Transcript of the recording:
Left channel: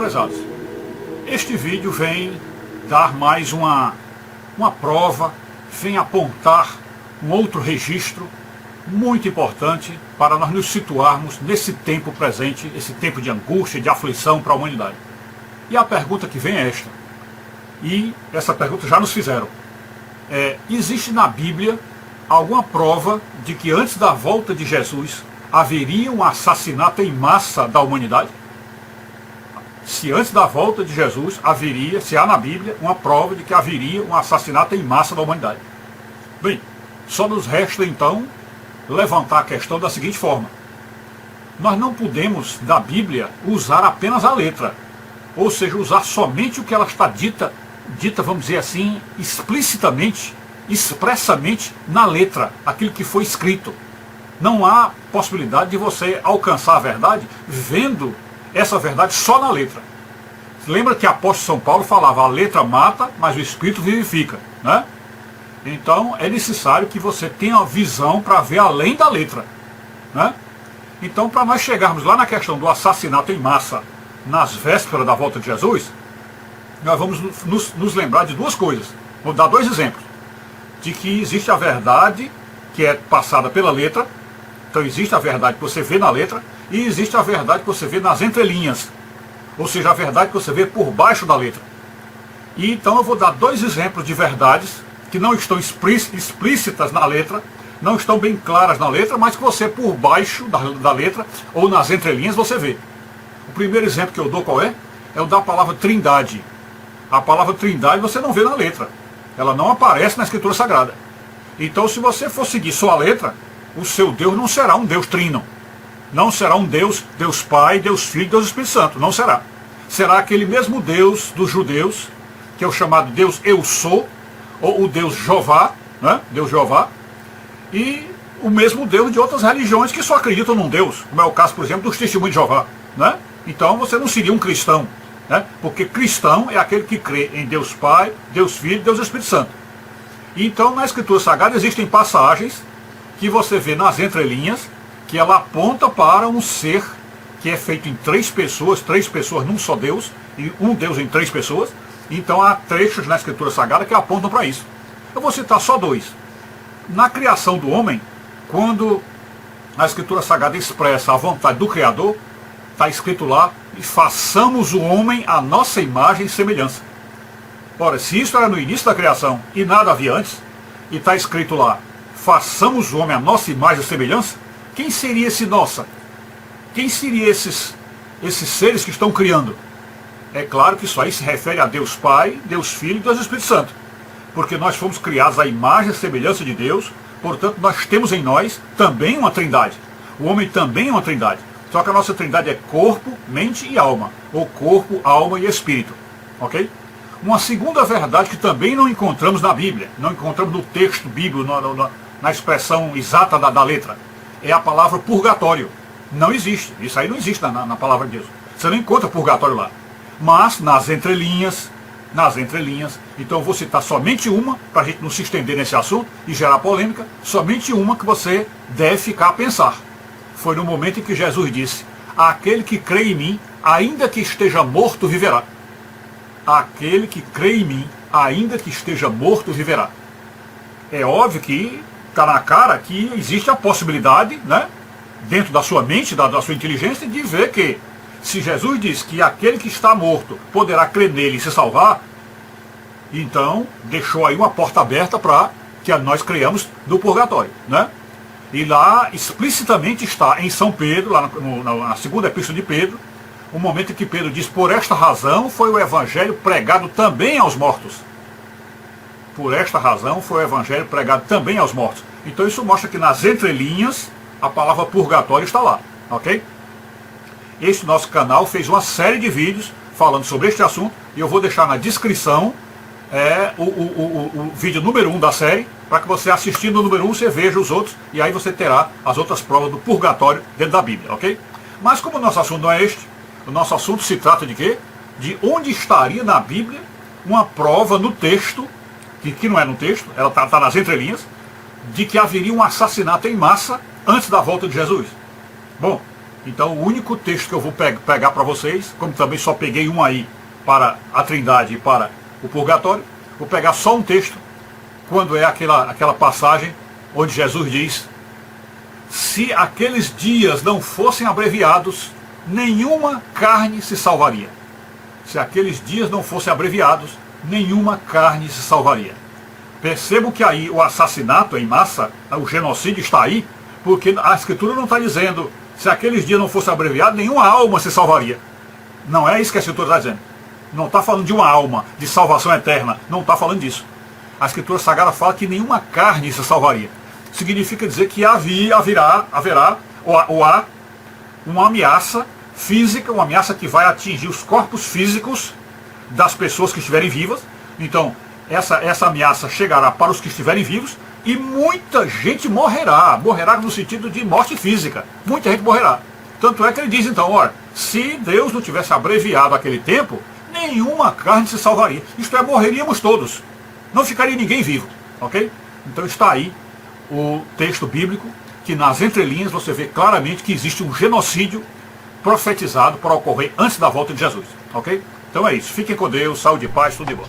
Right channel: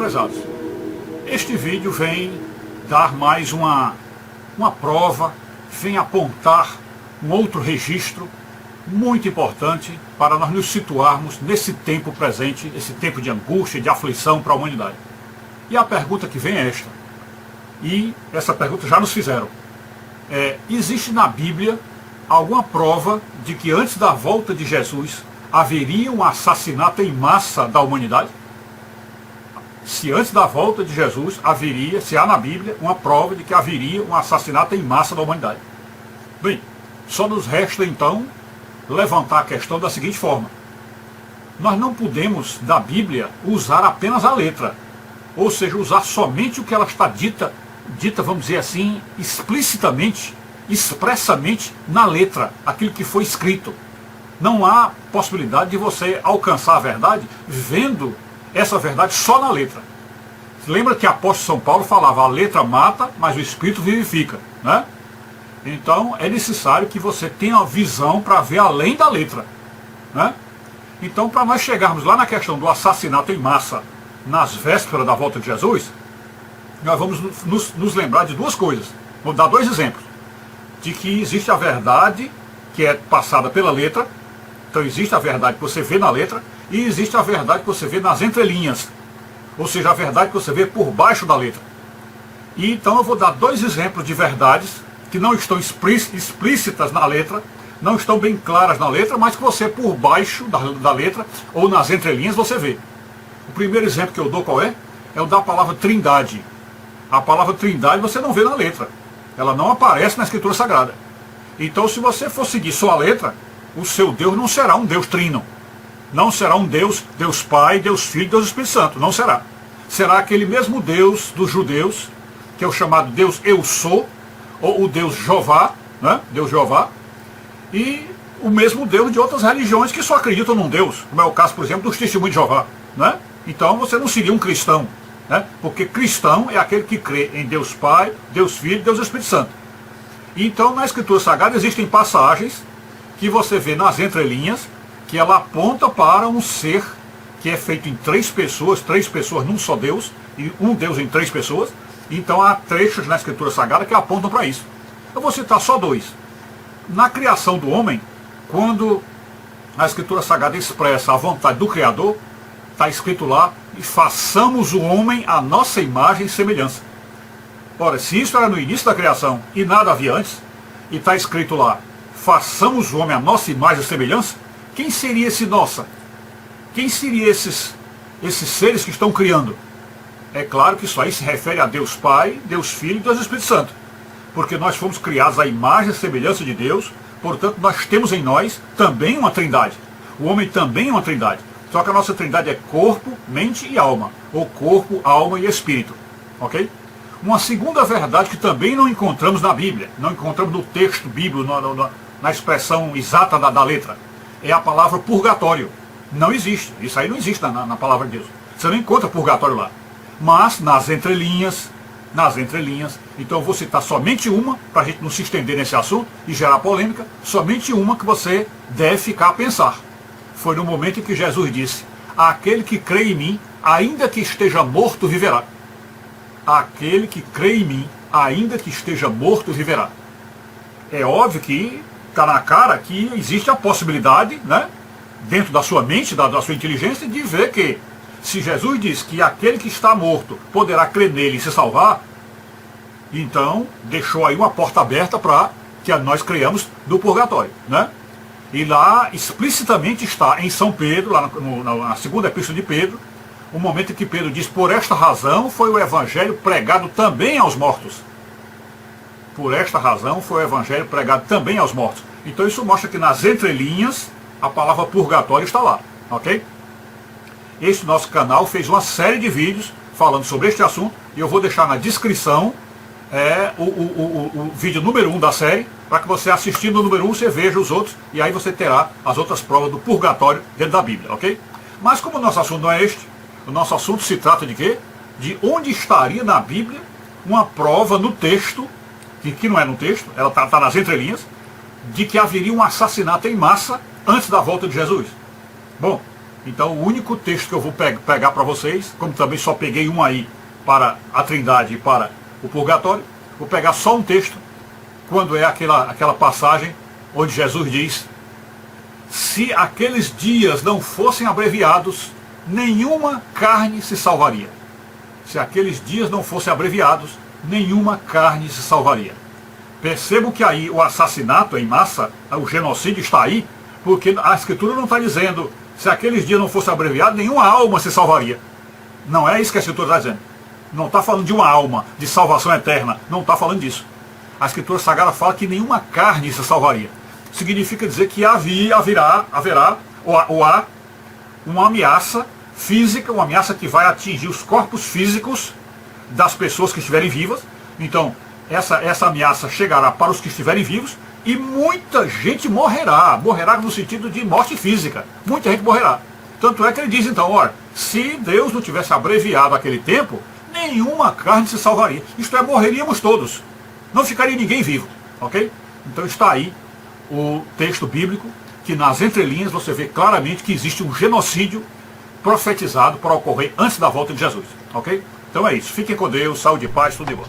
prezados, este vídeo vem dar mais uma prova, vem apontar um outro registro muito importante para nós nos situarmos nesse tempo presente, esse tempo de angústia, de aflição para a humanidade. E a pergunta que vem é esta, e essa pergunta já nos fizeram. Existe na Bíblia alguma prova de que antes da volta de Jesus haveria um assassinato em massa da humanidade? Se antes da volta de Jesus haveria, se há na Bíblia uma prova de que haveria um assassinato em massa da humanidade. Bem, só nos resta então levantar a questão da seguinte forma. Nós não podemos, da Bíblia, usar apenas a letra, ou seja, usar somente o que ela está dita, vamos dizer assim, explicitamente, expressamente na letra, aquilo que foi escrito. Não há possibilidade de você alcançar a verdade vendo essa verdade só na letra. Lembra que o apóstolo São Paulo falava, a letra mata, mas o Espírito vivifica, né? Então é necessário que você tenha a visão para ver além da letra, né? Então, para nós chegarmos lá na questão do assassinato em massa nas vésperas da volta de Jesus, nós vamos nos lembrar de duas coisas. Vou dar dois exemplos. De que existe a verdade que é passada pela letra. Então existe a verdade que você vê na letra e existe a verdade que você vê nas entrelinhas. Ou seja, a verdade que você vê por baixo da letra. E então eu vou dar dois exemplos de verdades que não estão explícitas na letra, não estão bem claras na letra, mas que você por baixo da letra ou nas entrelinhas você vê. O primeiro exemplo que eu dou qual é? É o da palavra trindade. A palavra trindade você não vê na letra. Ela não aparece na Escritura Sagrada. Então, se você for seguir só a letra, o seu Deus não será um Deus trino. Não será um Deus, Deus Pai, Deus Filho, Deus Espírito Santo. Não será. Será aquele mesmo Deus dos judeus, que é o chamado Deus Eu Sou, ou o Deus Jeová, né? Deus Jeová, e o mesmo Deus de outras religiões que só acreditam num Deus, como é o caso, por exemplo, dos testemunhos de Jeová, né? Então, você não seria um cristão, né? Porque cristão é aquele que crê em Deus Pai, Deus Filho, Deus Espírito Santo. Então, na Escritura Sagrada existem passagens que você vê nas entrelinhas, que ela aponta para um ser que é feito em três pessoas num só Deus, e um Deus em três pessoas. Então há trechos na Escritura Sagrada que apontam para isso. Eu vou citar só dois. Na criação do homem, quando a Escritura Sagrada expressa a vontade do Criador, está escrito lá, e façamos o homem à nossa imagem e semelhança. Ora, se isso era no início da criação e nada havia antes, e está escrito lá, façamos o homem à nossa imagem e semelhança, quem seria esse nossa? Quem seriam esses seres que estão criando? É claro que isso aí se refere a Deus Pai, Deus Filho e Deus Espírito Santo. Porque nós fomos criados à imagem e semelhança de Deus, portanto nós temos em nós também uma trindade. O homem também é uma trindade. Só que a nossa trindade é corpo, mente e alma. Ou corpo, alma e espírito. Ok? Uma segunda verdade que também não encontramos na Bíblia, não encontramos no texto bíblico, na expressão exata da letra, é a palavra purgatório. Não existe. Isso aí não existe na palavra de Deus. Você não encontra purgatório lá. Mas nas entrelinhas, então eu vou citar somente uma, para a gente não se estender nesse assunto e gerar polêmica, somente uma que você deve ficar a pensar. Foi no momento em que Jesus disse, aquele que crê em mim, ainda que esteja morto, viverá. Aquele que crê em mim, ainda que esteja morto, viverá. É óbvio que está na cara que existe a possibilidade, né, dentro da sua mente, da sua inteligência, de ver que se Jesus diz que aquele que está morto poderá crer nele e se salvar, então deixou aí uma porta aberta para que nós creiamos no purgatório, né? E lá explicitamente está em São Pedro, lá na segunda epístola de Pedro, o momento em que Pedro diz, por esta razão foi o evangelho pregado também aos mortos. Por esta razão foi o evangelho pregado também aos mortos. Então isso mostra que nas entrelinhas a palavra purgatório está lá, ok? Este nosso canal fez uma série de vídeos falando sobre este assunto, e eu vou deixar na descrição o vídeo número 1 da série, para que você assistindo o número 1, você veja os outros, e aí você terá as outras provas do purgatório dentro da Bíblia, ok? Mas como o nosso assunto não é este, o nosso assunto se trata de quê? De onde estaria na Bíblia uma prova no texto, que não é no texto, ela está nas entrelinhas, de que haveria um assassinato em massa antes da volta de Jesus. Bom, Então o único texto que eu vou pegar para vocês, como também só peguei um aí para a Trindade e para o Purgatório, vou pegar só um texto, quando é aquela passagem onde Jesus diz: se aqueles dias não fossem abreviados, nenhuma carne se salvaria. Se aqueles dias não fossem abreviados, nenhuma carne se salvaria. Percebo que aí o assassinato em massa, o genocídio está aí, porque a Escritura não está dizendo, se aqueles dias não fossem abreviados, nenhuma alma se salvaria. Não é isso que a Escritura está dizendo. Não está falando de uma alma, de salvação eterna. Não está falando disso. A Escritura Sagrada fala que nenhuma carne se salvaria. Significa dizer que haverá uma ameaça física, uma ameaça que vai atingir os corpos físicos das pessoas que estiverem vivas. Então, essa ameaça chegará para os que estiverem vivos e muita gente morrerá. Morrerá no sentido de morte física. Muita gente morrerá. Tanto é que ele diz então, olha, se Deus não tivesse abreviado aquele tempo, nenhuma carne se salvaria. Isto é, morreríamos todos. Não ficaria ninguém vivo. Ok? Então está aí o texto bíblico, que nas entrelinhas você vê claramente que existe um genocídio profetizado para ocorrer antes da volta de Jesus. Ok? Então é isso. Fiquem com Deus, saúde e paz, tudo de bom.